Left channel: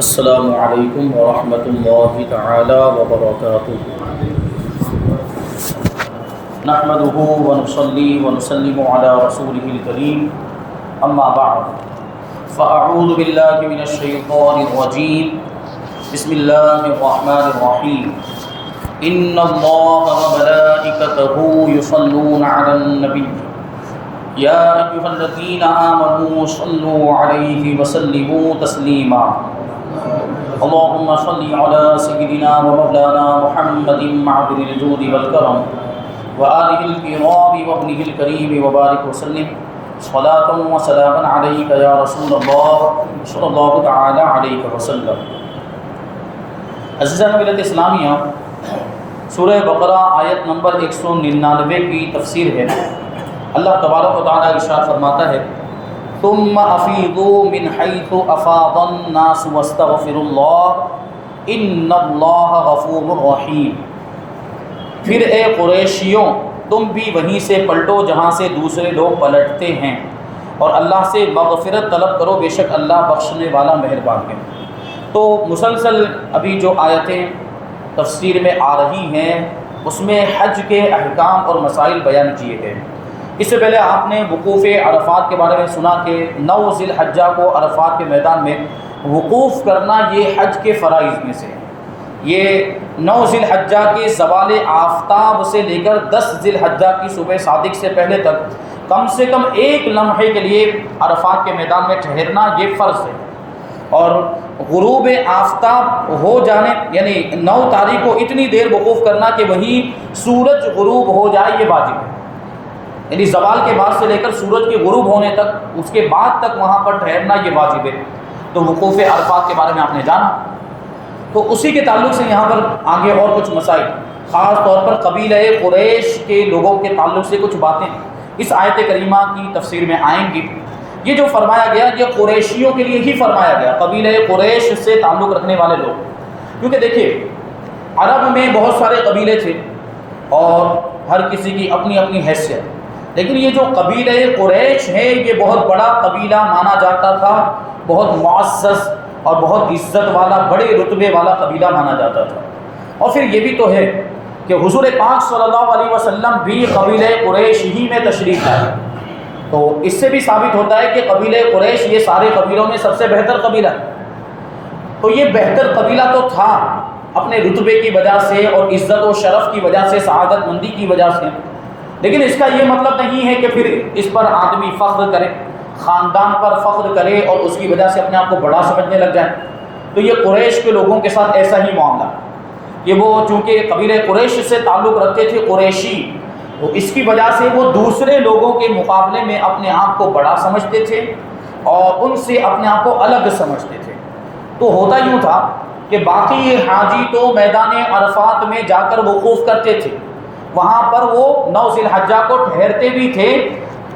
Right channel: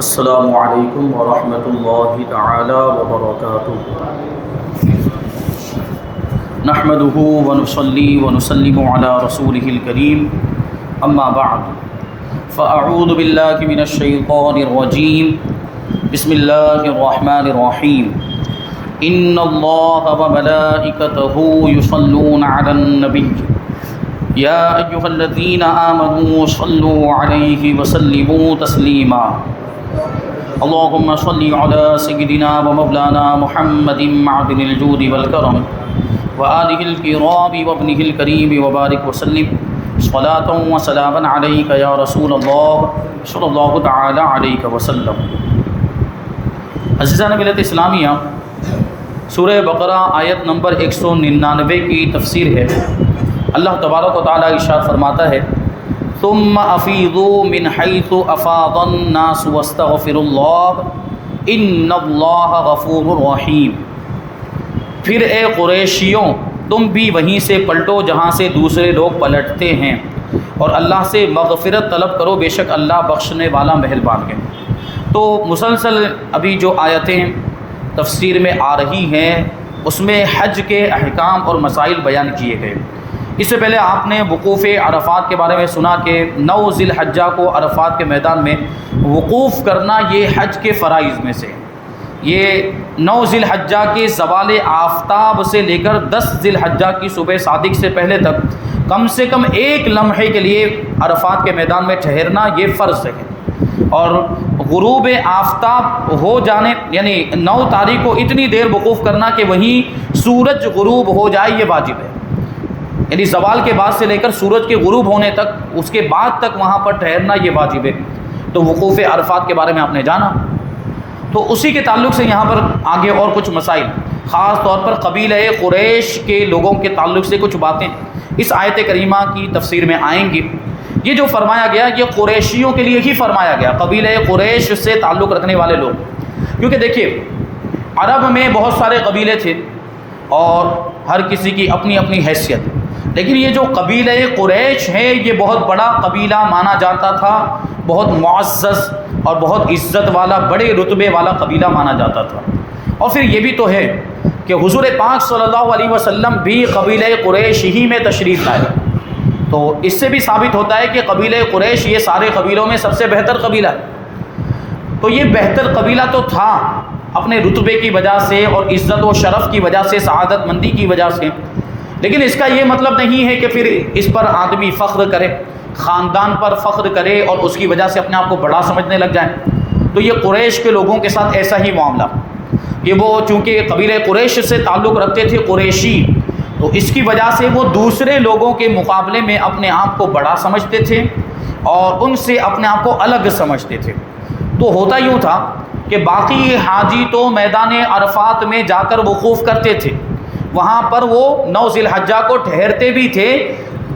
السلام علیکم ورحمۃ اللہ تعالی وبرکاتہ۔ نحمده ونصلي ونسلم على رسوله الكريم اما بعد فاعوذ باللہ من الشیطان الرجیم بسم اللہ الرحمن الرحیم ان اللہ وملائکته یصلون علی النبی یا ایھا الذین آمنوا صلوا علیہ وسلموا تسلیما اللهم صل على سيدنا ومولانا محمد معدن الجود والكرم وآله الكرام وابنه الكريم وبارك وسلم صلاة وسلاما عليك يا رسول الله صلى الله تعالى عليك وسلم۔ عزیزان ملت اسلامیہ، سورہ بقرہ آیت نمبر 199 کی تفسیر ہے۔ اللہ تبارک و تعالی ارشاد فرماتا ہے ثم افیضوا من حیث افاض الناس واستغفروا اللہ ان اللہ غفور رحیم۔ پھر اے قریشیوں، تم بھی وہیں سے پلٹو جہاں سے دوسرے لوگ پلٹتے ہیں، اور اللہ سے مغفرت طلب کرو، بے شک اللہ بخشنے والا مہربان ہے۔ تو مسلسل ابھی جو آیتیں تفسیر میں آ رہی ہیں اس میں حج کے احکام اور مسائل بیان کیے گئے۔ اس سے پہلے آپ نے وقوف عرفات کے بارے میں سنا کہ 9 ذی الحجہ کو عرفات کے میدان میں وقوف کرنا یہ حج کے فرائض میں سے، یہ 9 ذی الحجہ کے زوال آفتاب سے لے کر 10 ذی الحجہ کی صبح صادق سے پہلے تک کم سے کم ایک لمحے کے لیے عرفات کے میدان میں ٹھہرنا یہ فرض ہے، اور غروب آفتاب ہو جانے یعنی 9 تاریخ کو اتنی دیر وقوف کرنا کہ وہیں سورج غروب ہو جائے یہ واجب ہے، یعنی زوال کے بعد سے لے کر سورج کے غروب ہونے تک اس کے بعد تک وہاں پر ٹھہرنا یہ واجب ہے۔ تو وقوف عرفات کے بارے میں آپ نے جانا، تو اسی کے تعلق سے یہاں پر آگے اور کچھ مسائل، خاص طور پر قبیلہ قریش کے لوگوں کے تعلق سے کچھ باتیں اس آیت کریمہ کی تفسیر میں آئیں گی۔ یہ جو فرمایا گیا یہ قریشیوں کے لیے ہی فرمایا گیا، قبیلہ قریش سے تعلق رکھنے والے لوگ، کیونکہ دیکھیے عرب میں بہت سارے قبیلے تھے اور ہر کسی کی اپنی اپنی حیثیت، لیکن یہ جو قبیلہ قریش ہے یہ بہت بڑا قبیلہ مانا جاتا تھا، بہت معزز اور بہت عزت والا، بڑے رتبے والا قبیلہ مانا جاتا تھا۔ اور پھر یہ بھی تو ہے کہ حضور پاک صلی اللہ علیہ وسلم بھی قبیلہ قریش ہی میں تشریف لائے، تو اس سے بھی ثابت ہوتا ہے کہ قبیلہ قریش یہ سارے قبیلوں میں سب سے بہتر قبیلہ ہے۔ تو یہ بہتر قبیلہ تو تھا اپنے رتبے کی وجہ سے اور عزت و شرف کی وجہ سے، سعادت مندی کی وجہ سے، لیکن اس کا یہ مطلب نہیں ہے کہ پھر اس پر آدمی فخر کرے، خاندان پر فخر کرے اور اس کی وجہ سے اپنے آپ کو بڑا سمجھنے لگ جائے۔ تو یہ قریش کے لوگوں کے ساتھ ایسا ہی معاملہ کہ وہ چونکہ قبیلہ قریش سے تعلق رکھتے تھے، قریشی، تو اس کی وجہ سے وہ دوسرے لوگوں کے مقابلے میں اپنے آپ کو بڑا سمجھتے تھے اور ان سے اپنے آپ کو الگ سمجھتے تھے۔ تو ہوتا یوں تھا کہ باقی حاجی تو میدان عرفات میں جا کر وقوف کرتے تھے، وہاں پر وہ 9 ذی الحجہ کو ٹھہرتے بھی تھے،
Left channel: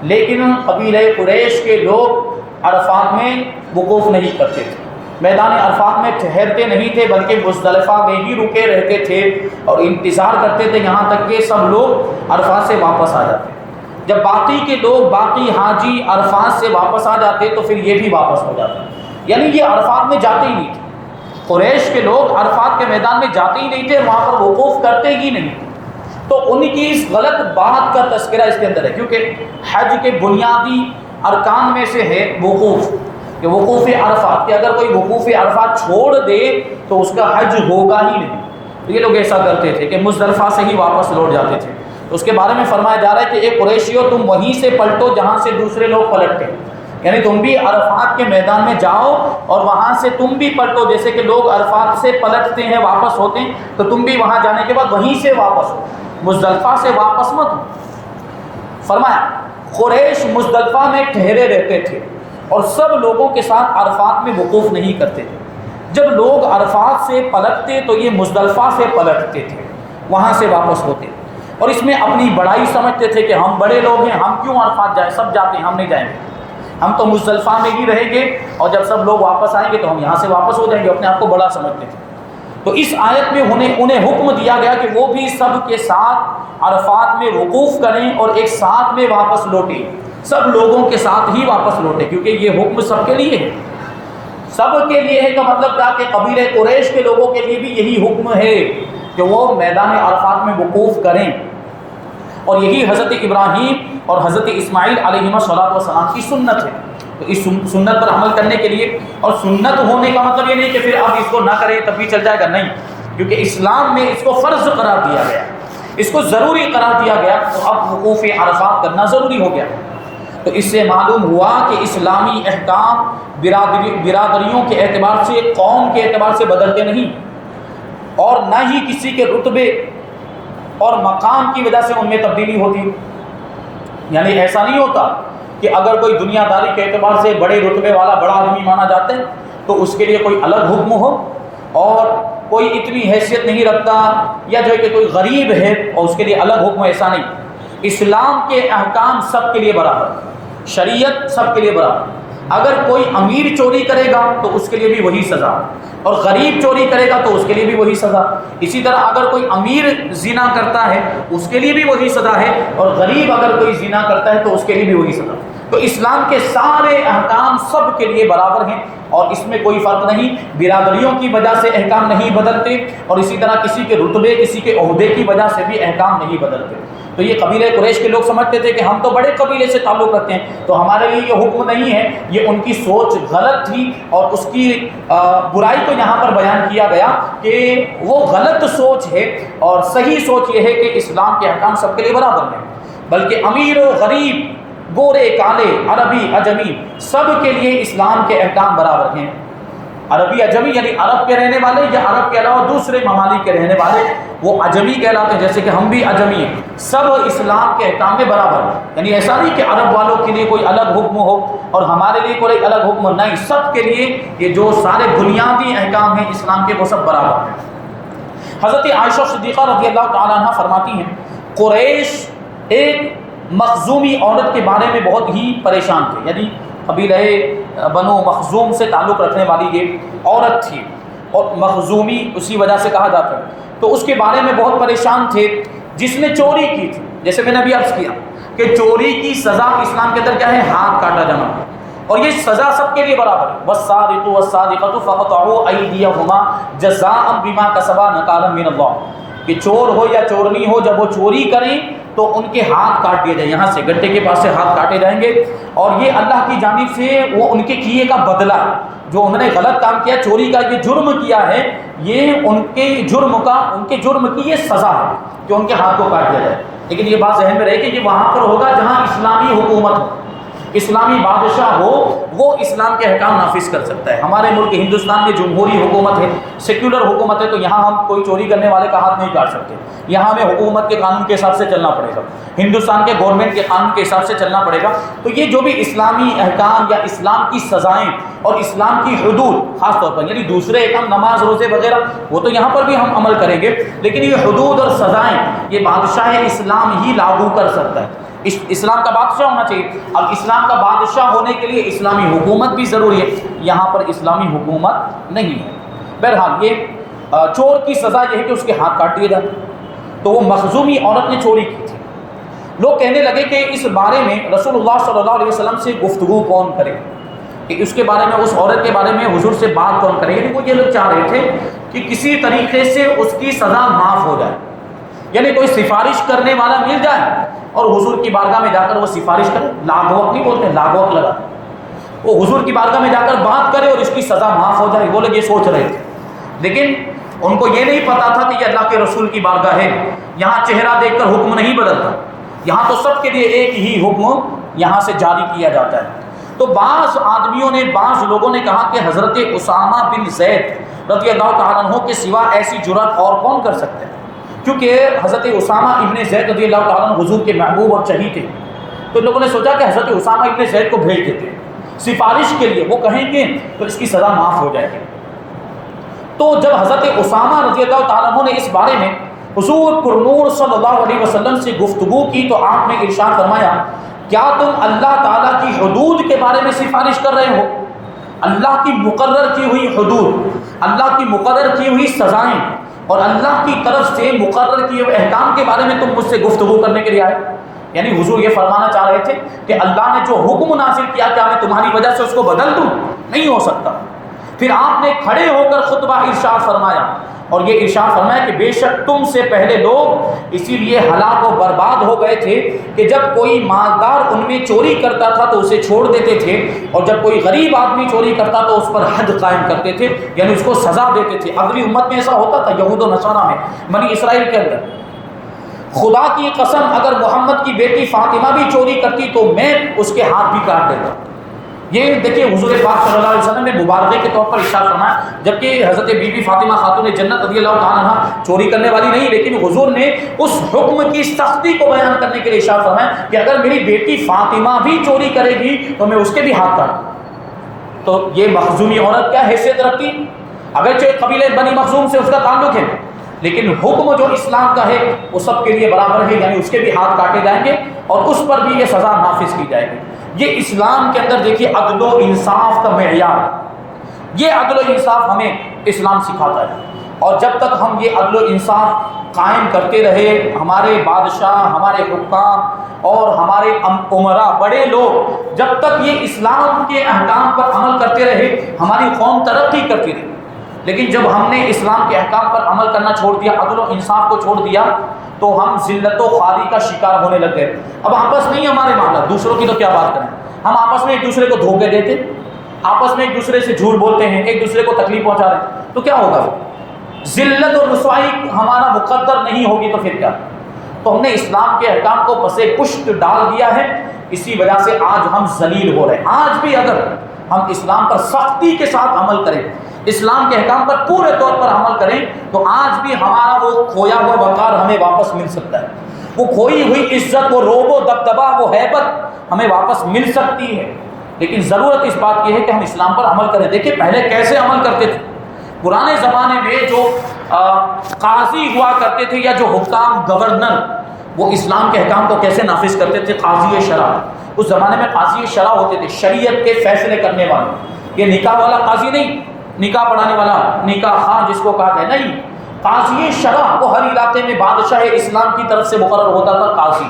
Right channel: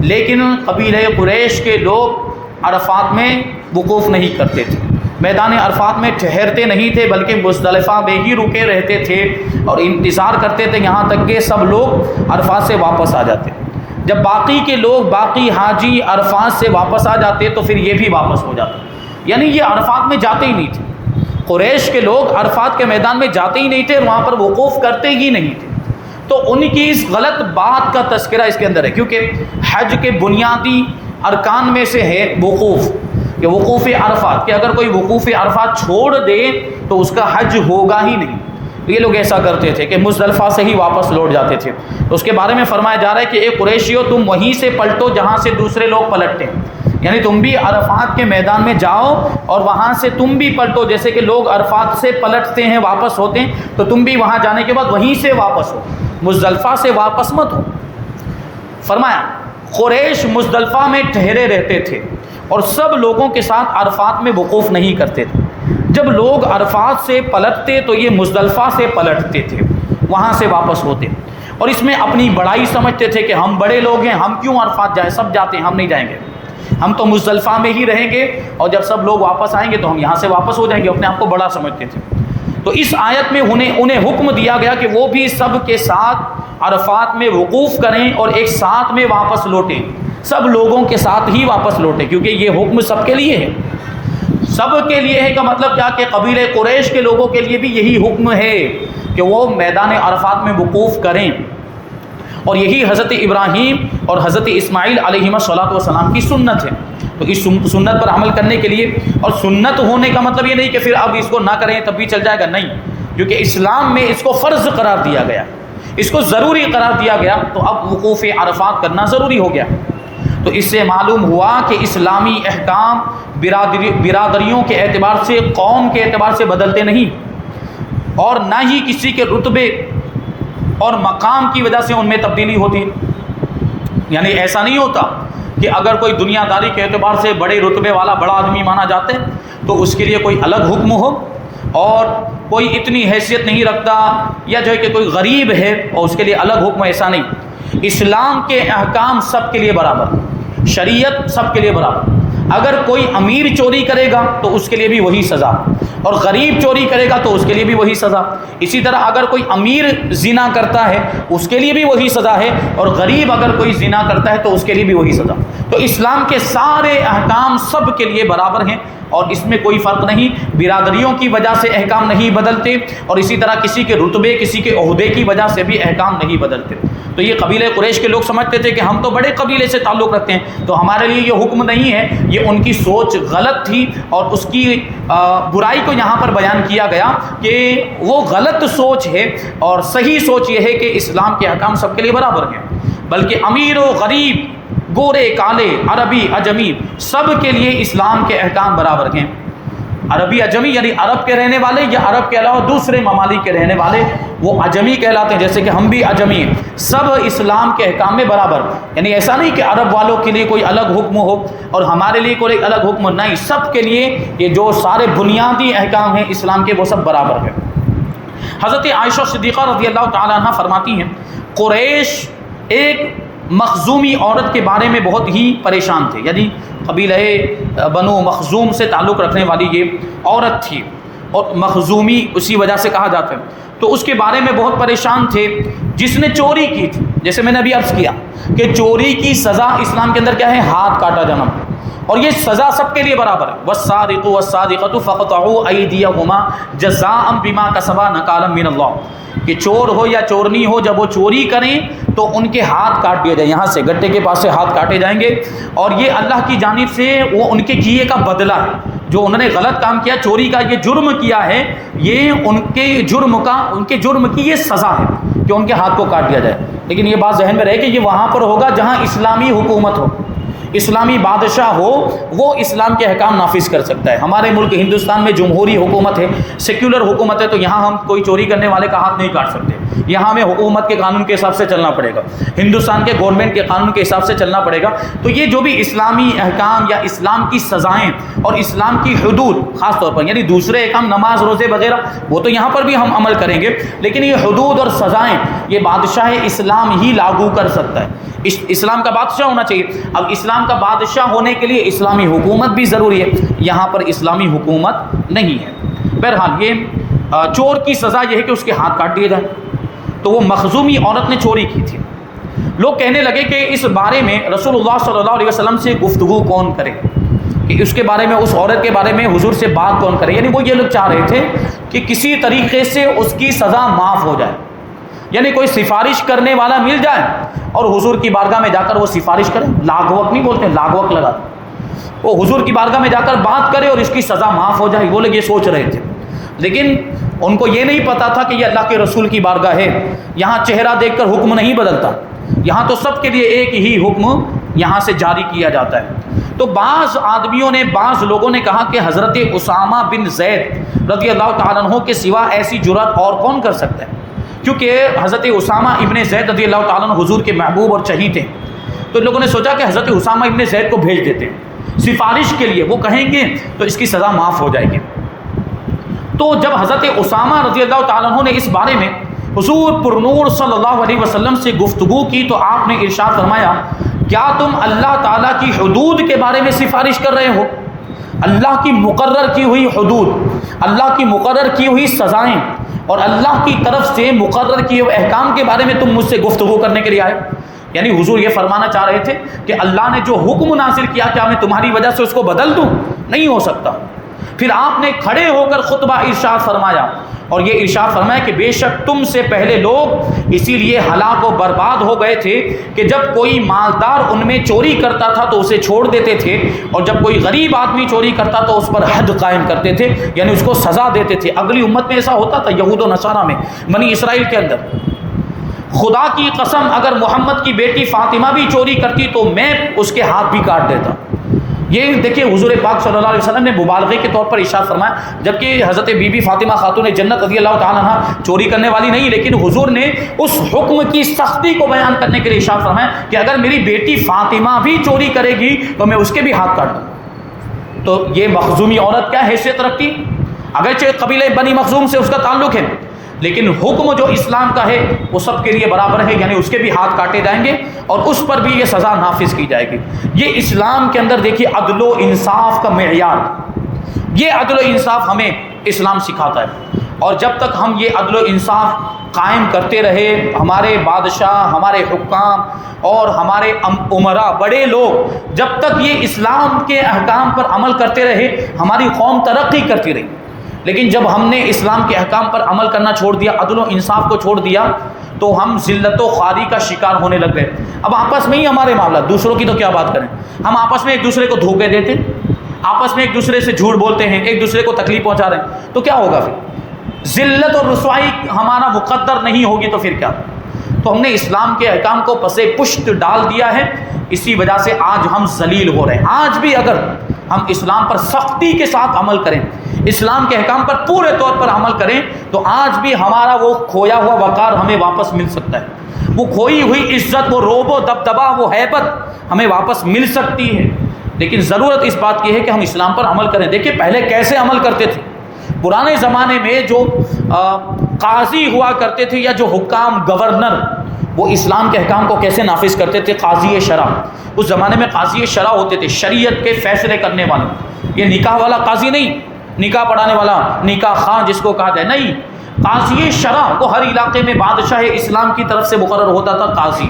لیکن قبیلہ قریش کے لوگ عرفات میں وقوف نہیں کرتے تھے، میدان عرفات میں ٹھہرتے نہیں تھے، بلکہ مزدلفہ میں ہی رکے رہتے تھے اور انتظار کرتے تھے یہاں تک کہ سب لوگ عرفات سے واپس آ جاتے۔ جب باقی کے لوگ، باقی حاجی عرفات سے واپس آ جاتے تو پھر یہ بھی واپس ہو جاتے، یعنی یہ عرفات میں جاتے ہی نہیں تھے، قریش کے لوگ عرفات کے میدان میں جاتے ہی نہیں تھے، وہاں پر وقوف کرتے ہی نہیں تھے۔ تو ان کی اس غلط بات کا تذکرہ اس کے اندر ہے، کیونکہ حج کے بنیادی ارکان میں سے ہے وقوف، کہ وقوف عرفات، کہ اگر کوئی وقوف عرفات چھوڑ دے تو اس کا حج ہوگا ہی نہیں۔ تو یہ لوگ ایسا کرتے تھے کہ مزدلفہ سے ہی واپس لوٹ جاتے تھے۔ تو اس کے بارے میں فرمایا جا رہا ہے کہ اے قریشیو، تم وہیں سے پلٹو جہاں سے دوسرے لوگ پلٹتے ہیں، یعنی تم بھی عرفات کے میدان میں جاؤ اور وہاں سے تم بھی پلٹو، جیسے کہ لوگ عرفات سے پلٹتے ہیں واپس ہوتے ہیں، تو تم بھی وہاں جانے کے بعد وہیں سے واپس ہو، مزدلفہ سے واپس مت ہو۔ فرمایا قریش مزدلفہ میں ٹھہرے رہتے تھے اور سب لوگوں کے ساتھ عرفات میں وقوف نہیں کرتے تھے۔ جب لوگ عرفات سے پلٹتے تو یہ مزدلفہ سے پلٹتے تھے، وہاں سے واپس ہوتے، اور اس میں اپنی بڑائی سمجھتے تھے کہ ہم بڑے لوگ ہیں، ہم کیوں عرفات جائیں، سب جاتے ہیں، ہم نہیں جائیں گے، ہم تو مزدلفہ میں ہی رہیں گے، اور جب سب لوگ واپس آئیں گے تو ہم یہاں سے واپس ہو جائیں گے، اپنے آپ کو بڑا سمجھتے تھے۔ تو اس آیت میں انہیں حکم دیا گیا کہ وہ بھی سب کے ساتھ عرفات میں وقوف کریں اور ایک ساتھ میں واپس لوٹیں، سب لوگوں کے ساتھ ہی واپس لوٹیں، کیونکہ یہ حکم سب کے لیے ہے۔ سب کے لیے ہے کا مطلب کیا کہ قبیلہ قریش کے لوگوں کے لیے بھی یہی حکم ہے کہ وہ میدان عرفات میں وقوف کریں، اور یہی حضرت ابراہیم اور حضرت اسماعیل علیہ السلام کی سنت ہے۔ تو اس سنت پر عمل کرنے کے لیے، اور سنت ہونے کا مطلب یہ نہیں کہ پھر اب اس کو نہ کریں تب بھی چل جائے گا، نہیں، کیونکہ اسلام میں اس کو فرض قرار دیا گیا، اس کو ضروری قرار دیا گیا، تو اب وقوف عرفات کرنا ضروری ہو گیا۔ تو اس سے معلوم ہوا کہ اسلامی احکام برادریوں کے اعتبار سے، قوم کے اعتبار سے بدلتے نہیں، اور نہ ہی کسی کے رتبے اور مقام کی وجہ سے ان میں تبدیلی ہوتی۔ یعنی ایسا نہیں ہوتا کہ اگر کوئی دنیا داری کے اعتبار سے بڑے رتبے والا بڑا آدمی مانا جاتا ہے تو اس کے لیے کوئی الگ حکم ہو، اور کوئی اتنی حیثیت نہیں رکھتا یا جو ہے کہ کوئی غریب ہے اور اس کے لیے الگ حکم، ایسا نہیں۔ اسلام کے احکام سب کے لیے برابر، شریعت سب کے لیے برابر۔ اگر کوئی امیر چوری کرے گا تو اس کے لیے بھی وہی سزا، اور غریب چوری کرے گا تو اس کے لیے بھی وہی سزا۔ اسی طرح اگر کوئی امیر زنا کرتا ہے اس کے لیے بھی وہی سزا ہے، اور غریب اگر کوئی زنا کرتا ہے تو اس کے لیے بھی وہی سزا۔ تو اسلام کے سارے احکام سب کے لیے برابر ہیں، اور اس میں کوئی فرق نہیں، برادریوں کی وجہ سے احکام نہیں بدلتے، اور اسی طرح کسی کے رتبے، کسی کے عہدے کی وجہ سے بھی احکام نہیں بدلتے۔ تو یہ قبیلہ قریش کے لوگ سمجھتے تھے کہ ہم تو بڑے قبیلے سے تعلق رکھتے ہیں تو ہمارے لیے یہ حکم نہیں ہے، یہ ان کی سوچ غلط تھی، اور اس کی برائی کو یہاں پر بیان کیا گیا کہ وہ غلط سوچ ہے، اور صحیح سوچ یہ ہے کہ اسلام کے احکام سب کے لیے برابر ہیں، بلکہ امیر و غریب، گورے کالے، عربی عجمی، سب کے لیے اسلام کے احکام برابر ہیں۔ عربی عجمی یعنی عرب کے رہنے والے یا عرب کے علاوہ دوسرے ممالک کے رہنے والے، وہ عجمی کہلاتے ہیں، جیسے کہ ہم بھی عجمی ہیں، سب اسلام کے احکام میں برابر۔ یعنی ایسا نہیں کہ عرب والوں کے لیے کوئی الگ حکم ہو اور ہمارے لیے کوئی الگ حکم، نہیں، سب کے لیے یہ جو سارے بنیادی احکام ہیں اسلام کے وہ سب برابر ہیں۔ حضرت عائشہ صدیقہ رضی اللہ تعالیٰ عنہ فرماتی ہیں، قریش ایک مخزومی عورت کے بارے میں بہت ہی پریشان تھے، یعنی قبیلہ بنو مخزوم سے تعلق رکھنے والی یہ عورت تھی، اور مخزومی اسی وجہ سے کہا جاتا ہے۔ تو اس کے بارے میں بہت پریشان تھے، جس نے چوری کی تھی، جیسے میں نے ابھی عرض کیا کہ چوری کی سزا اسلام کے اندر کیا ہے، ہاتھ کاٹا جانا، اور یہ سزا سب کے لیے برابر ہے۔ والسارق والسارقۃ فاقطعوا ایدیہما جزاء بما کسبا نکالا من اللہ، کہ چور ہو یا چورنی ہو، جب وہ چوری کریں تو ان کے ہاتھ کاٹ دیے جائیں، یہاں سے گٹے کے پاس سے ہاتھ کاٹے جائیں گے، اور یہ اللہ کی جانب سے وہ ان کے کیے کا بدلہ ہے، جو انہوں نے غلط کام کیا، چوری کا یہ جرم کیا ہے، یہ ان کے جرم کی یہ سزا ہے کہ ان کے ہاتھ کو کاٹ دیا جائے۔ لیکن یہ بات ذہن میں رہے کہ یہ وہاں پر ہوگا جہاں اسلامی حکومت ہو، اسلامی بادشاہ ہو، وہ اسلام کے احکام نافذ کر سکتا ہے۔ ہمارے ملک ہندوستان میں جمہوری حکومت ہے، سیکولر حکومت ہے، تو یہاں ہم کوئی چوری کرنے والے کا ہاتھ نہیں کاٹ سکتے، یہاں ہمیں حکومت کے قانون کے حساب سے چلنا پڑے گا، ہندوستان کے گورنمنٹ کے قانون کے حساب سے چلنا پڑے گا۔ تو یہ جو بھی اسلامی احکام یا اسلام کی سزائیں اور اسلام کی حدود، خاص طور پر یعنی دوسرے احکام نماز روزے وغیرہ وہ تو یہاں پر بھی ہم عمل کریں گے، لیکن یہ حدود اور سزائیں یہ بادشاہ اسلام ہی لاگو کر سکتا ہے۔ اسلام کا بادشاہ ہونا چاہیے۔ اب اسلام کا بادشاہ ہونے کے لیے اسلامی حکومت بھی ضروری ہے، یہاں پر اسلامی حکومت نہیں ہے۔ بہرحال یہ چور کی سزا یہ ہے کہ اس کے ہاتھ کاٹ دیے جائیں۔ تو وہ مخزومی عورت نے چوری کی تھی، لوگ کہنے لگے کہ اس بارے میں رسول اللہ صلی اللہ علیہ وسلم سے گفتگو کون کرے، کہ اس کے بارے میں، اس عورت کے بارے میں حضور سے بات کون کرے، یعنی وہ یہ لوگ چاہ رہے تھے کہ کسی طریقے سے اس کی سزا معاف ہو جائے، یعنی کوئی سفارش کرنے والا مل جائے اور حضور کی بارگاہ میں جا کر وہ سفارش کرے، لاغوک نہیں بولتے، لاغوک لگا، وہ حضور کی بارگاہ میں جا کر بات کرے اور اس کی سزا معاف ہو جائے۔ وہ لوگ یہ سوچ رہے تھے، لیکن ان کو یہ نہیں پتا تھا کہ یہ اللہ کے رسول کی بارگاہ ہے، یہاں چہرہ دیکھ کر حکم نہیں بدلتا، یہاں تو سب کے لیے ایک ہی حکم یہاں سے جاری کیا جاتا ہے۔ تو بعض آدمیوں نے، بعض لوگوں نے کہا کہ حضرت اسامہ بن زید رضی اللہ تعالیٰ عنہ کے سوا ایسی جرأت اور کون کر سکتا ہے، کیونکہ حضرت اسامہ ابن زید رضی اللہ تعالیٰ عنہ حضور کے محبوب اور چہیتے ہیں۔ تو لوگوں نے سوچا کہ حضرت اسامہ ابن زید کو بھیج دیتے سفارش کے لیے، وہ کہیں گے تو اس کی سزا معاف ہو جائے گی۔ تو جب حضرت اسامہ رضی اللہ تعالیٰ عنہ نے اس بارے میں حضور پر نور صلی اللہ علیہ وسلم سے گفتگو کی تو آپ نے ارشاد فرمایا، کیا تم اللہ تعالیٰ کی حدود کے بارے میں سفارش کر رہے ہو؟ اللہ کی مقرر کی ہوئی حدود، اللہ کی مقرر کی ہوئی سزائیں اور اللہ کی طرف سے مقرر کیے ہوئے احکام کے بارے میں تم مجھ سے گفتگو کرنے کے لیے آئے؟ یعنی حضور یہ فرمانا چاہ رہے تھے کہ اللہ نے جو حکم نازل کیا، کیا میں تمہاری وجہ سے اس کو بدل دوں؟ نہیں ہو سکتا۔ پھر آپ نے کھڑے ہو کر خطبہ ارشاد فرمایا، اور یہ ارشاد فرمایا کہ بے شک تم سے پہلے لوگ اسی لیے ہلاک و برباد ہو گئے تھے کہ جب کوئی مالدار ان میں چوری کرتا تھا تو اسے چھوڑ دیتے تھے، اور جب کوئی غریب آدمی چوری کرتا تو اس پر حد قائم کرتے تھے، یعنی اس کو سزا دیتے تھے۔ اگلی امت میں ایسا ہوتا تھا، یہود و نصارہ میں، بنی اسرائیل کے اندر۔ خدا کی قسم اگر محمد کی بیٹی فاطمہ بھی چوری کرتی تو میں اس کے ہاتھ بھی کاٹ دیتا۔ یہ دیکھیے حضور پاک صلی اللہ علیہ وسلم نے مبالغے کے طور پر ارشاد فرمایا، جبکہ حضرت بی بی فاطمہ خاتون جنت رضی اللہ تعالیٰ عنہا چوری کرنے والی نہیں، لیکن حضور نے اس حکم کی سختی کو بیان کرنے کے لیے ارشاد فرمایا کہ اگر میری بیٹی فاطمہ بھی چوری کرے گی تو میں اس کے بھی ہاتھ کاٹ دوں۔ تو یہ مخزومی عورت کیا حیثیت رکھتی؟ اگرچہ قبیلہ بنی مخزوم سے اس کا تعلق ہے، لیکن حکم جو اسلام کا ہے وہ سب کے لیے برابر ہے، یعنی اس کے بھی ہاتھ کاٹے جائیں گے اور اس پر بھی یہ سزا نافذ کی جائے گی۔ یہ اسلام کے اندر دیکھیے عدل و انصاف کا معیار، یہ عدل و انصاف ہمیں اسلام سکھاتا ہے، اور جب تک ہم یہ عدل و انصاف قائم کرتے رہے، ہمارے بادشاہ، ہمارے حکام اور ہمارے امراء، بڑے لوگ جب تک یہ اسلام کے احکام پر عمل کرتے رہے، ہماری قوم ترقی کرتی رہی۔ لیکن جب ہم نے اسلام کے احکام پر عمل کرنا چھوڑ دیا، عدل و انصاف کو چھوڑ دیا، تو ہم ذلت و خواری کا شکار ہونے لگ گئے۔ اب آپس میں ہی ہمارے معاملات، دوسروں کی تو کیا بات کریں، ہم آپس میں ایک دوسرے کو دھوکے دیتے، آپس میں ایک دوسرے سے جھوٹ بولتے ہیں، ایک دوسرے کو تکلیف پہنچا رہے ہیں، تو کیا ہوگا پھر؟ ذلت اور رسوائی ہمارا مقدر نہیں ہوگی تو پھر کیا؟ تو ہم نے اسلام کے احکام کو پسے پشت ڈال دیا ہے، اسی وجہ سے آج ہم ذلیل ہو رہے ہیں۔ آج بھی اگر ہم اسلام پر سختی کے ساتھ عمل کریں، اسلام کے احکام پر پورے طور پر عمل کریں، تو آج بھی ہمارا وہ کھویا ہوا وقار ہمیں واپس مل سکتا ہے، وہ کھوئی ہوئی عزت، وہ روب و دبدبا، وہ ہیبت ہمیں واپس مل سکتی ہے۔ لیکن ضرورت اس بات کی ہے کہ ہم اسلام پر عمل کریں۔ دیکھیے پہلے کیسے عمل کرتے تھے، پرانے زمانے میں جو قاضی ہوا کرتے تھے یا جو حکام، گورنر، وہ اسلام کے احکام کو کیسے نافذ کرتے تھے؟ قاضی شرع، اس زمانے میں قاضی شرع ہوتے تھے، شریعت کے فیصلے کرنے والا۔ یہ نکاح والا قاضی نہیں، نکاح پڑھانے والا، نکاح خان جس کو کہا جائے، نہیں، قاضی شرع وہ ہر علاقے میں بادشاہ اسلام کی طرف سے مقرر ہوتا تھا قاضی،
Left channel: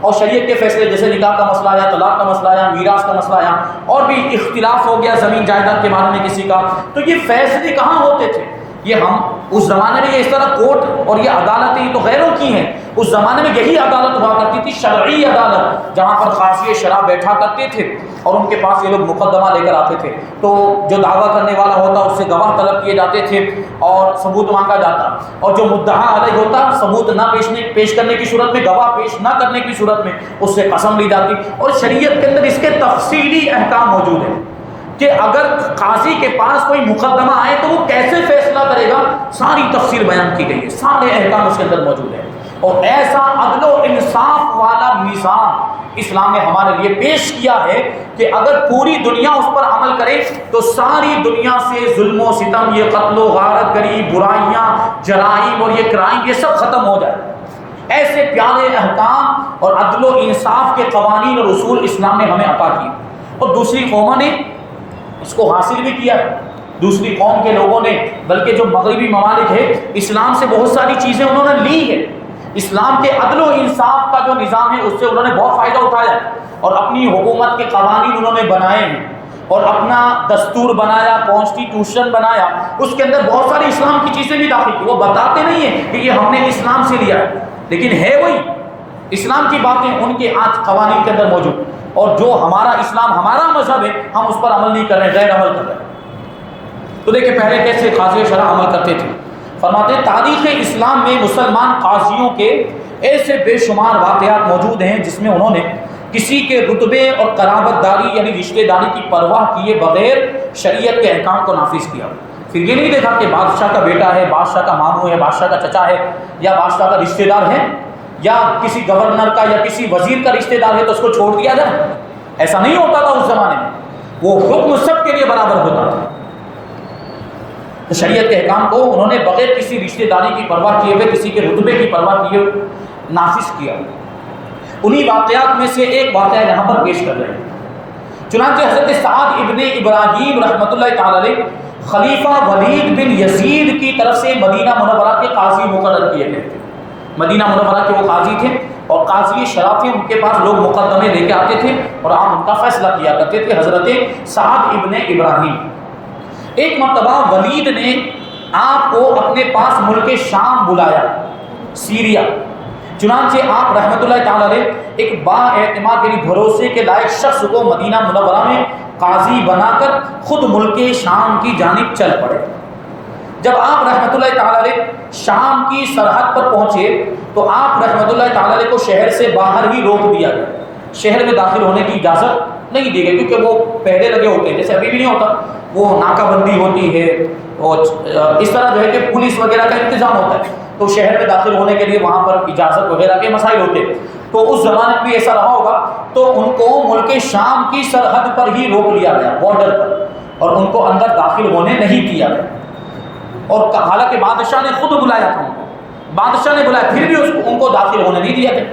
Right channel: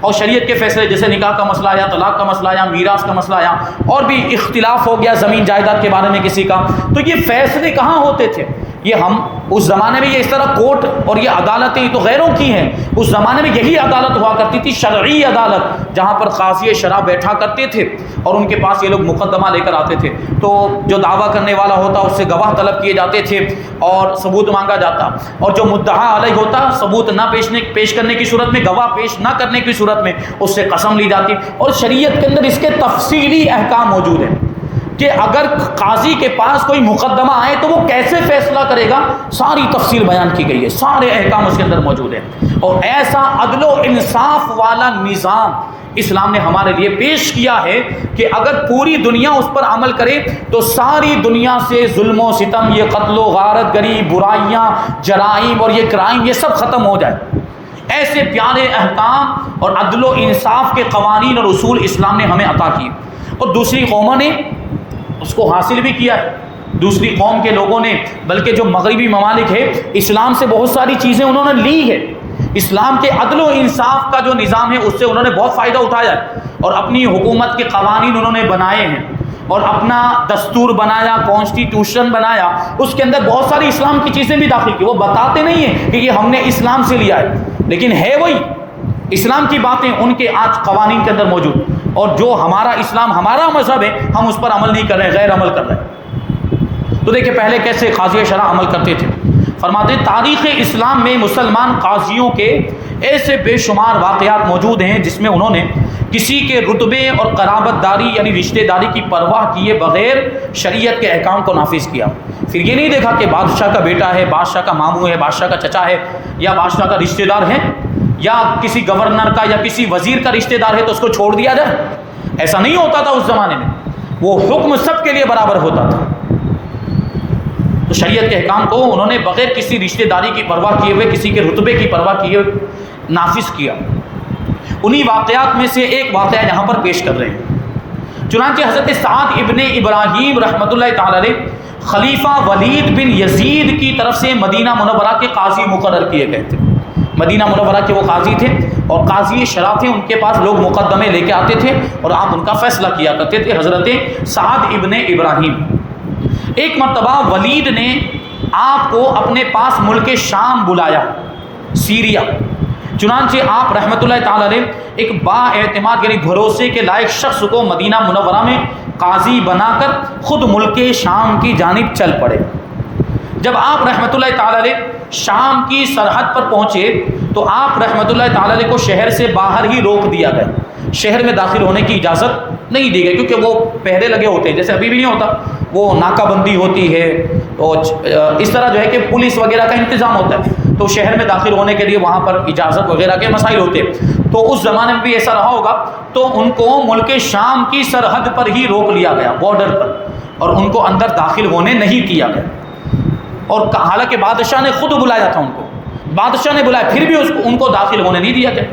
اور شریعت کے فیصلے جیسے نکاح کا مسئلہ آیا، طلاق کا مسئلہ آیا، میراث کا مسئلہ آیا، اور بھی اختلاف ہو گیا زمین جائیداد کے بارے میں کسی کا، تو یہ فیصلے کہاں ہوتے تھے؟ یہ ہم اس زمانے میں یہ اس طرح کورٹ اور یہ عدالتیں تو غیروں کی ہیں، اس زمانے میں یہی عدالت ہوا کرتی تھی، شرعی عدالت، جہاں پر قاضی شرع بیٹھا کرتے تھے اور ان کے پاس یہ لوگ مقدمہ لے کر آتے تھے، تو جو دعویٰ کرنے والا ہوتا اس سے گواہ طلب کیے جاتے تھے اور ثبوت مانگا جاتا، اور جو مدعا علیہ ہوتا ثبوت نہ پیش کرنے کی صورت میں، گواہ پیش نہ کرنے کی صورت میں اس سے قسم لی جاتی۔ اور شریعت کے اندر اس کے تفصیلی احکام موجود ہیں کہ اگر قاضی کے پاس کوئی مقدمہ آئے تو وہ کیسے فیصلہ کرے گا، ساری تفصیل بیان کی گئی ہے، سارے احکام اس کے اندر موجود ہیں۔ اور ایسا عدل و انصاف والا نظام اسلام نے ہمارے لیے پیش کیا ہے کہ اگر پوری دنیا اس پر عمل کرے تو ساری دنیا سے ظلم و ستم، یہ قتل و غارت گری، برائیاں، جرائم اور یہ کرائم، یہ سب ختم ہو جائے۔ ایسے پیارے احکام اور عدل و انصاف کے قوانین اور اصول اسلام نے ہمیں عطا کیے، اور دوسری قوموں نے اس کو حاصل بھی کیا ہے۔ دوسری قوم کے لوگوں نے، بلکہ جو مغربی ممالک ہے، اسلام سے بہت ساری چیزیں انہوں نے لی ہے، اسلام کے عدل و انصاف کا جو نظام ہے اس سے انہوں نے بہت فائدہ اٹھایا، اور اپنی حکومت کے قوانین انہوں نے بنائے ہیں، اور اپنا دستور بنایا، کانسٹیٹیوشن بنایا، اس کے اندر بہت ساری اسلام کی چیزیں بھی داخل کی۔ وہ بتاتے نہیں ہیں کہ یہ ہم نے اسلام سے لیا ہے، لیکن ہے وہی اسلام کی باتیں ان کے آج قوانین کے اندر موجود، اور جو ہمارا اسلام، ہمارا مذہب ہے، ہم اس پر عمل نہیں کر رہے، غیر عمل کر رہے ہیں۔ تو دیکھیں پہلے کیسے قاضی شرع عمل کرتے تھے۔ فرماتے ہیں تاریخ اسلام میں مسلمان قاضیوں کے ایسے بے شمار واقعات موجود ہیں جس میں انہوں نے کسی کے رتبے اور قرابت داری یعنی رشتہ داری کی پرواہ کیے بغیر شریعت کے احکام کو نافذ کیا۔ پھر یہ نہیں دیکھا کہ بادشاہ کا بیٹا ہے، بادشاہ کا ماموں ہے، بادشاہ کا چچا ہے، یا بادشاہ کا رشتہ دار ہے، یا کسی گورنر کا یا کسی وزیر کا رشتہ دار ہے تو اس کو چھوڑ دیا جائے۔ ایسا نہیں ہوتا تھا اس زمانے میں، وہ حکم سب کے لیے برابر ہوتا تھا۔ تو شریعت کے احکام کو انہوں نے بغیر کسی رشتہ داری کی پرواہ کیے ہوئے، کسی کے رتبے کی پرواہ کیے ہوئے نافذ کیا۔ انہی واقعات میں سے ایک واقعہ یہاں پر پیش کر رہے ہیں۔ چنانچہ حضرت سعد ابن ابراہیم رحمۃ اللہ تعالی علیہ خلیفہ ولید بن یزید کی طرف سے مدینہ منورہ کے قاضی مقرر کیے گئے تھے۔ مدینہ منورہ کے وہ قاضی تھے اور قاضی شرع تھے، ان کے پاس لوگ مقدمے لے کے آتے تھے اور آپ ان کا فیصلہ کیا کرتے تھے۔ حضرت سعد ابن ابراہیم ایک مرتبہ ولید نے آپ کو اپنے پاس ملک شام بلایا، سیریا۔ چنانچہ آپ رحمۃ اللہ تعالی علیہ ایک با اعتماد یعنی بھروسے کے لائق شخص کو مدینہ منورہ میں قاضی بنا کر خود ملک شام کی جانب چل پڑے۔ جب آپ رحمۃ اللہ تعالی علیہ شام کی سرحد پر پہنچے تو آپ رحمۃ اللہ تعالی علیہ کو شہر سے باہر ہی روک دیا گیا، شہر میں داخل ہونے کی اجازت نہیں دی گئی، کیونکہ وہ پہرے لگے ہوتے ہیں، جیسے ابھی بھی نہیں ہوتا، وہ ناکہ بندی ہوتی ہے، تو اس طرح جو ہے کہ پولیس وغیرہ کا انتظام ہوتا ہے، تو شہر میں داخل ہونے کے لیے وہاں پر اجازت وغیرہ کے مسائل ہوتے ہیں۔ تو اس زمانے میں بھی ایسا رہا ہوگا، تو ان کو ملک شام کی سرحد پر ہی روک لیا گیا، بارڈر پر، اور ان کو اندر داخل ہونے نہیں دیا گیا۔ اور حالانکہ بادشاہ نے خود بلایا تھا ان کو، بادشاہ نے بلایا، پھر بھی ان کو داخل ہونے نہیں دیا گیا،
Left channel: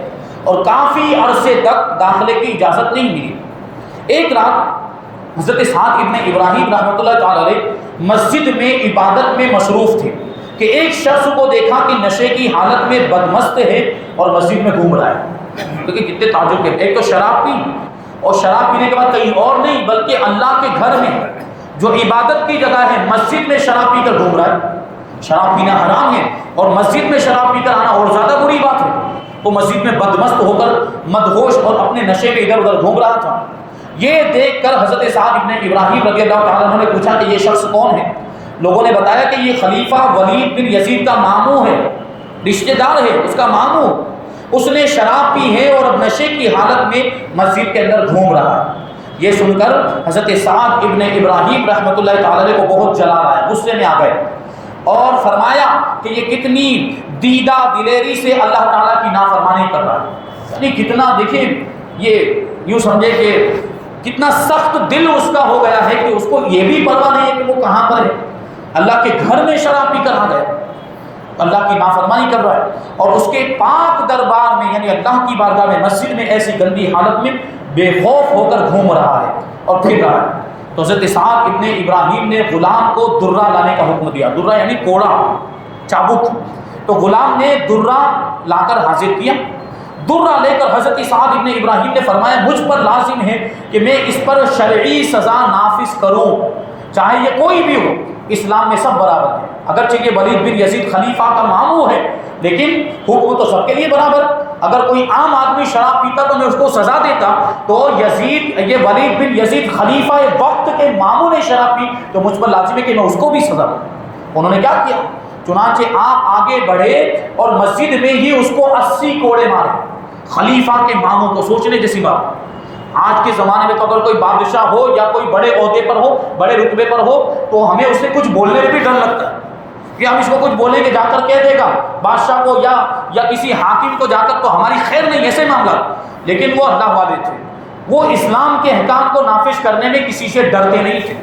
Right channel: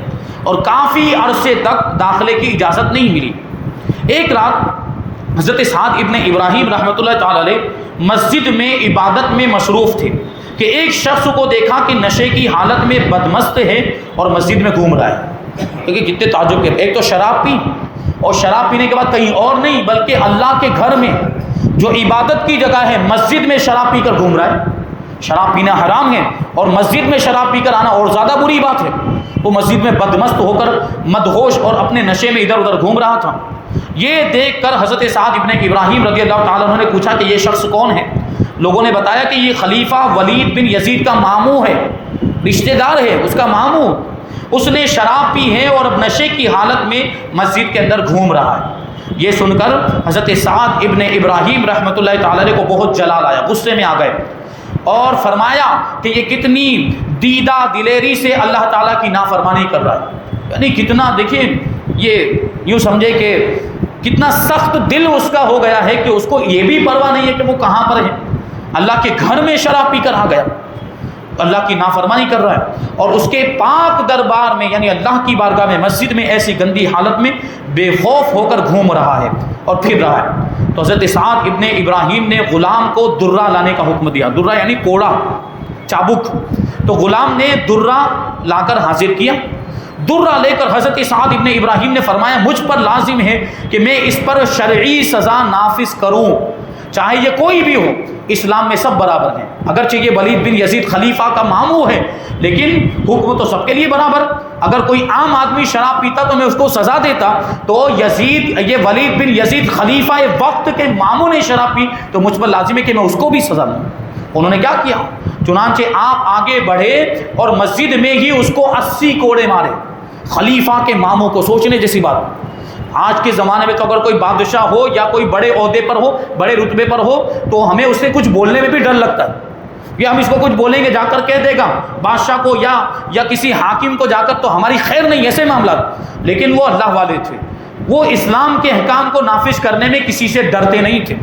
اور کافی عرصے تک داخلے کی اجازت نہیں ملی۔ ایک رات حضرت سعد ابن ابراہیم رحمۃ اللہ تعالی علیہ مسجد میں عبادت میں مصروف تھے کہ ایک شخص کو دیکھا کہ نشے کی حالت میں بدمست ہے اور مسجد میں گھوم رہا ہے۔ کیونکہ کتنے تعجب کے، ایک تو شراب پی، اور شراب پینے کے بعد کہیں اور نہیں بلکہ اللہ کے گھر میں جو عبادت کی جگہ ہے مسجد میں شراب پی کر گھوم رہا ہے۔ شراب پینا حرام ہے، اور مسجد میں شراب پی کر آنا اور زیادہ بری بات ہے۔ تو مسجد میں بدمست ہو کر مدہوش اور اپنے نشے میں ادھر ادھر گھوم رہا تھا۔ یہ دیکھ کر حضرت سعد ابن ابراہیم رضی اللہ تعالیٰ عنہ نے پوچھا کہ یہ شخص کون ہے؟ لوگوں نے بتایا کہ یہ خلیفہ ولید بن یزید کا ماموں ہے، رشتہ دار ہے، اس کا ماموں، اس نے شراب پی ہے اور نشے کی حالت میں مسجد کے اندر گھوم رہا ہے۔ یہ سن کر حضرت سعد ابن ابراہیم رحمۃ اللہ تعالی علیہ کو بہت جلال آیا، غصے میں آ گئے، اور فرمایا کہ یہ کتنی دیدہ دلیری سے اللہ تعالیٰ کی نافرمانی کر رہا ہے، یعنی کتنا، دیکھیں یہ یوں سمجھے کہ کتنا سخت دل اس کا ہو گیا ہے کہ اس کو یہ بھی پرواہ نہیں ہے کہ وہ کہاں پر ہے، اللہ کے گھر میں شراب پی کر آ گیا، اللہ کی نافرمانی کر رہا ہے، اور اس کے پاک دربار میں یعنی اللہ کی بارگاہ میں مسجد میں ایسی گندی حالت میں بے خوف ہو کر گھوم رہا ہے اور پھر رہا ہے۔ تو حضرت سعد ابن ابراہیم نے غلام کو درہ لانے کا حکم دیا، درہ یعنی کوڑا، چابک، تو غلام نے درہ لا کر حاضر کیا۔ درہ لے کر حضرت سعد ابن ابراہیم نے فرمایا مجھ پر لازم ہے کہ میں اس پر شرعی سزا نافذ کروں، چاہے یہ کوئی بھی ہو، اسلام میں سب برابر ہیں، اگرچہ یہ ولید بن یزید خلیفہ کا ماموں ہے لیکن حکم تو سب کے لیے برابر۔ اگر کوئی عام آدمی شراب پیتا تو میں اس کو سزا دیتا، تو یہ ولید بن یزید خلیفہ وقت کے ماموں نے شراب پی تو مجھ پر لازم ہے کہ میں اس کو بھی سزا دوں۔ انہوں نے کیا کیا؟ چنانچہ آپ آگے بڑھے اور مسجد میں ہی اس کو 80 کوڑے مارے، خلیفہ کے ماموں کو۔ سوچنے جیسی بات، آج کے زمانے میں تو اگر کوئی بادشاہ ہو یا کوئی بڑے عہدے پر ہو، بڑے رتبے پر ہو، تو ہمیں اس سے کچھ بولنے میں بھی ڈر لگتا ہے، یا ہم اس کو کچھ بولیں گے جا کر کہہ دے گا بادشاہ کو یا کسی حاکم کو جا کر، تو ہماری خیر نہیں، ایسے معاملات۔ لیکن وہ اللہ والے تھے، وہ اسلام کے احکام کو نافذ کرنے میں کسی سے ڈرتے نہیں تھے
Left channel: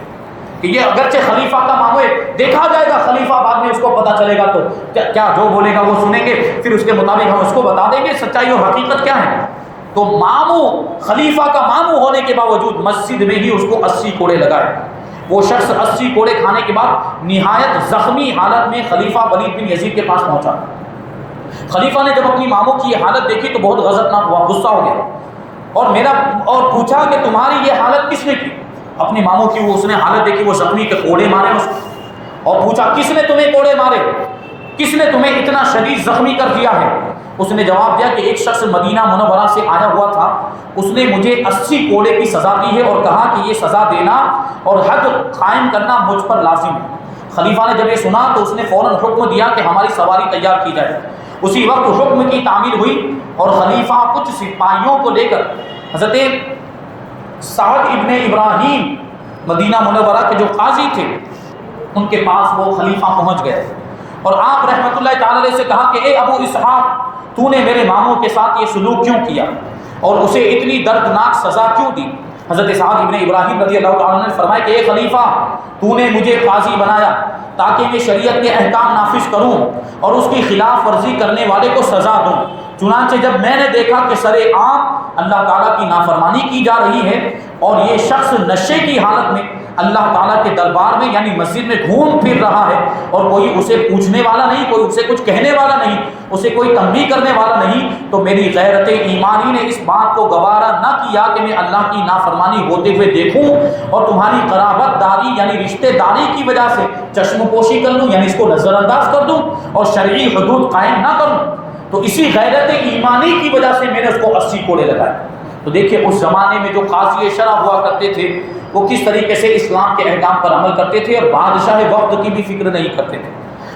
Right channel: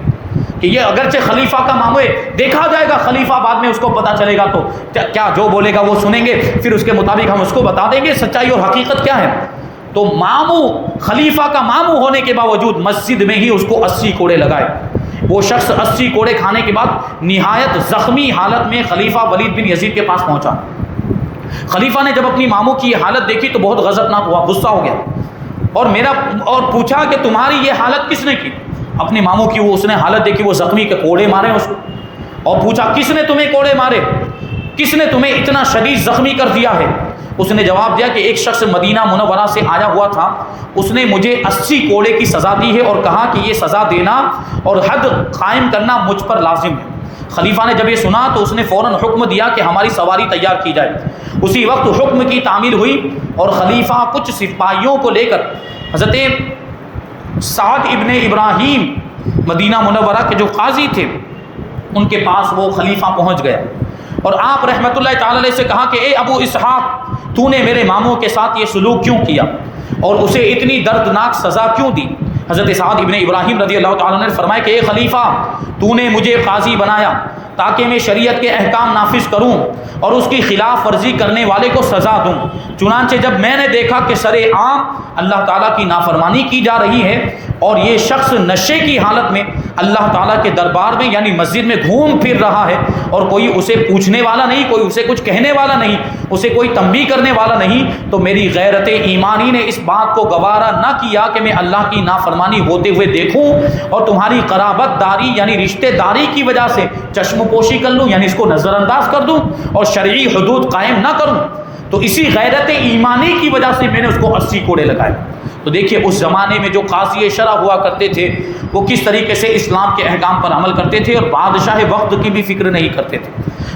کہ یہ اگرچہ خلیفہ کا ماموں ہے، دیکھا جائے گا خلیفہ بعد میں اس کو پتہ چلے گا تو کیا جو بولے گا وہ سنیں گے، پھر اس کے مطابق ہم اس کو بتا دیں گے سچائی اور حقیقت کیا ہے۔ تو ماموں، خلیفہ کا ماموں ہونے کے باوجود مسجد میں ہی اس کو 80 کوڑے لگائے۔ وہ شخص 80 کوڑے کھانے کے بعد نہایت زخمی حالت میں خلیفہ ولید بن یزید کے پاس پہنچا۔ خلیفہ نے جب اپنی ماموں کی یہ حالت دیکھی تو بہت غضبناک ہوا، غصہ ہو گیا، اور پوچھا کہ تمہاری یہ حالت کس نے کی؟ اپنی ماموں کی اس نے حالت دیکھی، وہ زخمی کے کوڑے مارے اس کو، اور پوچھا کس نے تمہیں کوڑے مارے، کس نے تمہیں اتنا شدید زخمی کر دیا ہے؟ اس نے جواب دیا کہ ایک شخص مدینہ منورہ سے آیا ہوا تھا، اس نے مجھے 80 کوڑے کی سزا دی ہے اور کہا کہ یہ سزا دینا اور حد قائم کرنا مجھ پر لازم ہے۔ خلیفہ نے جب یہ سنا تو اس نے فوراً حکم دیا کہ ہماری سواری تیار کی جائے۔ اسی وقت حکم کی تعمیل ہوئی اور خلیفہ کچھ سپاہیوں کو لے کر حضرت سعد ابن ابراہیم مدینہ منورہ کے جو قاضی تھے ان کے پاس وہ خلیفہ پہنچ گیا، اور آپ رحمۃ اللہ تعالی علیہ سے کہا کہ اے ابو اسحاق، تو نے میرے ماموں کے ساتھ یہ سلوک کیوں کیا اور اسے اتنی دردناک سزا کیوں دی؟ حضرت سعد ابن ابراہیم رضی اللہ تعالیٰ نے فرمایا کہ اے خلیفہ، تو نے مجھے قاضی بنایا تاکہ میں شریعت کے احکام نافذ کروں اور اس کی خلاف ورزی کرنے والے کو سزا دوں۔ چنانچہ جب میں نے دیکھا کہ سر عام اللہ تعالیٰ کی نافرمانی کی جا رہی ہے اور یہ شخص نشے کی حالت میں اللہ تعالیٰ کے دربار میں یعنی مسجد میں گھوم پھر رہا ہے اور کوئی اسے پوچھنے والا نہیں، کوئی اسے کچھ کہنے والا نہیں، اسے کوئی تنبیہ کرنے والا نہیں، تو میری غیرت ایمانی نے اس بات کو گوارا نہ کیا کہ میں اللہ کی نافرمانی ہوتے ہوئے دیکھوں اور تمہاری قرابت داری یعنی رشتہ داری کی وجہ سے چشم پوشی کر لوں، یعنی اس کو نظر انداز کر دوں اور شرعی حدود قائم نہ کروں۔ تو اسی غیرت ایمانی کی وجہ سے میں نے اس کو 80 کوڑے لگائے۔ تو دیکھیے اس زمانے میں جو قاضی شرع ہوا کرتے تھے وہ کس طریقے سے اسلام کے احکام پر عمل کرتے تھے اور بادشاہ وقت کی بھی فکر نہیں کرتے تھے،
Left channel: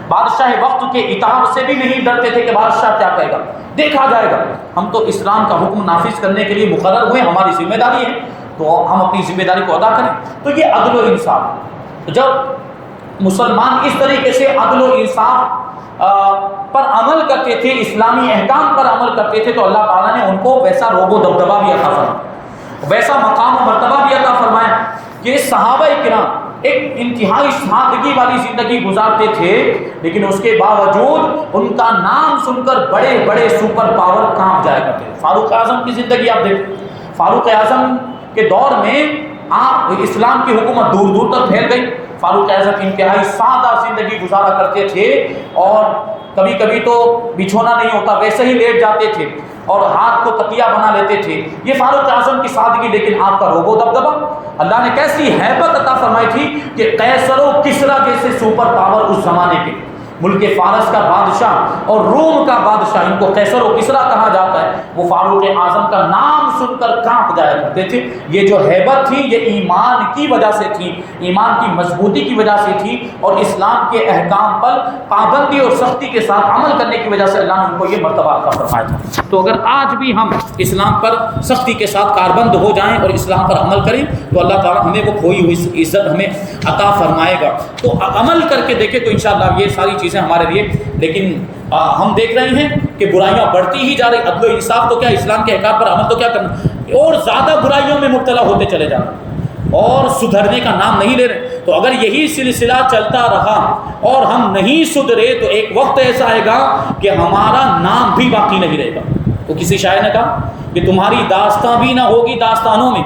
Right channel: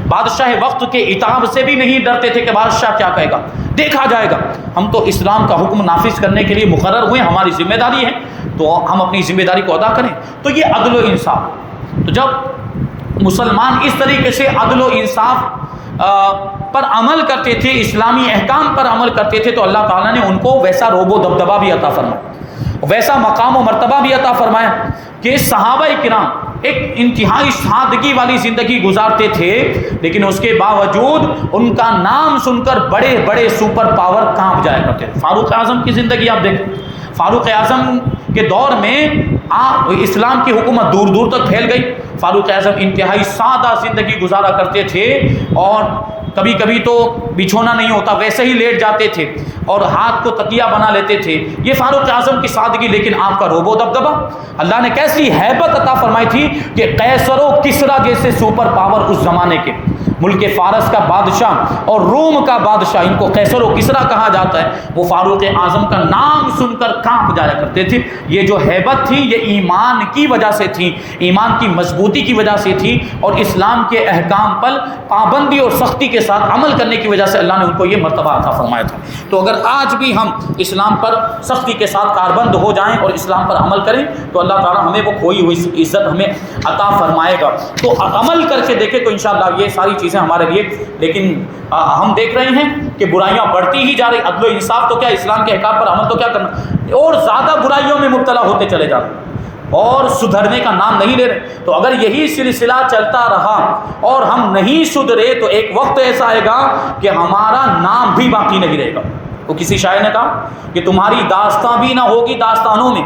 بادشاہ وقت کے عتاب سے بھی نہیں ڈرتے تھے کہ بادشاہ کیا کہے گا، دیکھا جائے گا، ہم تو اسلام کا حکم نافذ کرنے کے لیے مقرر ہوئے، ہماری ذمہ داری ہے تو ہم اپنی ذمہ داری کو ادا کریں۔ تو یہ عدل و انصاف، تو جب مسلمان اس طریقے سے عدل و انصاف پر عمل کرتے تھے، اسلامی احکام پر عمل کرتے تھے، تو اللہ تعالیٰ نے ان کو ویسا روب و دبدبہ بھی عطا فرمایا، ویسا مقام و مرتبہ بھی عطا فرمایا کہ صحابہ کرام ایک انتہائی سادگی والی زندگی گزارتے تھے، لیکن اس کے باوجود ان کا نام سن کر بڑے بڑے سپر پاور کانپ جایا کرتے تھے۔ فاروق اعظم کی زندگی آپ دیکھیں، فاروق اعظم کے دور میں اسلام کی حکومت دور دور تک پھیل گئی۔ فاروق اعظم انتہائی سادہ زندگی گزارا کرتے تھے اور کبھی کبھی تو بچھونا نہیں ہوتا ویسے ہی لیٹ جاتے تھے اور ہاتھ کو تکیہ بنا لیتے تھے۔ یہ فاروق اعظم کی سادگی، لیکن آپ کا روب و دبدبہ، اللہ نے کیسی ہیبت عطا فرمائی تھی کہ قیصر و کسریٰ جیسے سپر پاور اس زمانے کے، ملک فارس کا بادشاہ اور روم کا بادشاہ، ان کو قیصر و کسریٰ کہا جاتا ہے، وہ فاروق اعظم کا نام سن کر کانپ جایا کرتے تھے۔ یہ جو ہیبت تھی یہ ایمان کی وجہ سے تھی، ایمان کی مضبوطی کی وجہ سے تھی اور اسلام کے احکام پر پابندی اور سختی کے ساتھ عمل کرنے کی وجہ سے اللہ نے ان کو یہ مرتبہ عطا فرمایا تھا۔ تو اگر آج بھی ہم اسلام پر سختی کے ساتھ کاربند ہو جائیں اور اسلام پر عمل کریں تو اللہ تعالیٰ ہمیں وہ کھوئی ہوئی عزت ہمیں عطا فرمائے گا۔ تو عمل کر کے دیکھیں تو انشاءاللہ یہ ساری چیزیں ہمارے لیے، لیکن ہم دیکھ رہے ہیں کہ برائیاں بڑھتی ہی جا رہی، عدل و انصاف تو کیا، اسلام کے احکام پر عمل تو کیا کرنا، اور زیادہ برائیوں میں مبتلا ہوتے چلے جاتے اور سدھرنے کا نام نہیں لے رہے۔ تو اگر یہی سلسلہ چلتا رہا اور ہم نہیں سدھرے تو ایک وقت ایسا آئے گا کہ ہمارا نام بھی باقی نہیں رہے گا۔ تو کسی شاعر نے کہا کہ تمہاری داستان بھی نہ ہوگی داستانوں میں،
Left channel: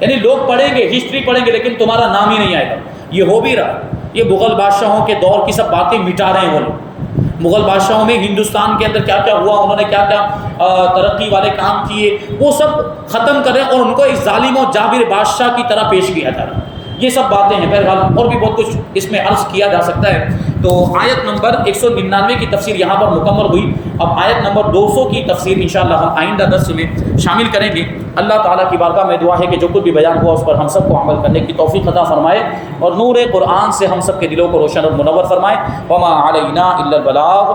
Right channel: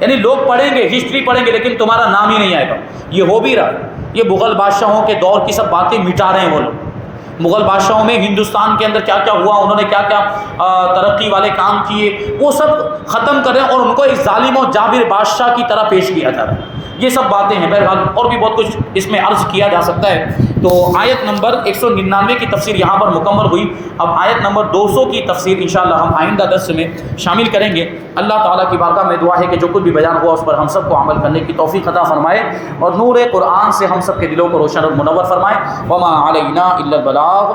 یعنی لوگ پڑھیں گے، ہسٹری پڑھیں گے، لیکن تمہارا نام ہی نہیں آئے گا۔ یہ ہو بھی رہا، یہ مغل بادشاہوں کے دور کی سب باتیں مٹا رہے ہیں وہ لوگ۔ مغل بادشاہوں میں ہندوستان کے اندر کیا کیا ہوا، انہوں نے کیا کیا ترقی والے کام کیے، وہ سب ختم کریں اور ان کو ایک ظالم و جابر بادشاہ کی طرح پیش کیا جا رہا ہے۔ یہ سب باتیں ہیں، بہرحال اور بھی بہت کچھ اس میں عرض کیا جا سکتا ہے۔ تو آیت نمبر 199 کی تفسیر یہاں پر مکمل ہوئی۔ اب آیت نمبر 200 کی تفسیر انشاءاللہ ہم آئندہ درس میں شامل کریں گے۔ اللہ تعالیٰ کی بارگاہ میں دعا ہے کہ جو کچھ بھی بیان ہوا اس پر ہم سب کو عمل کرنے کی توفیق عطا فرمائے اور نور قرآن سے ہم سب کے دلوں کو روشن اور منور فرمائے۔ وما علینا الا البلاغ۔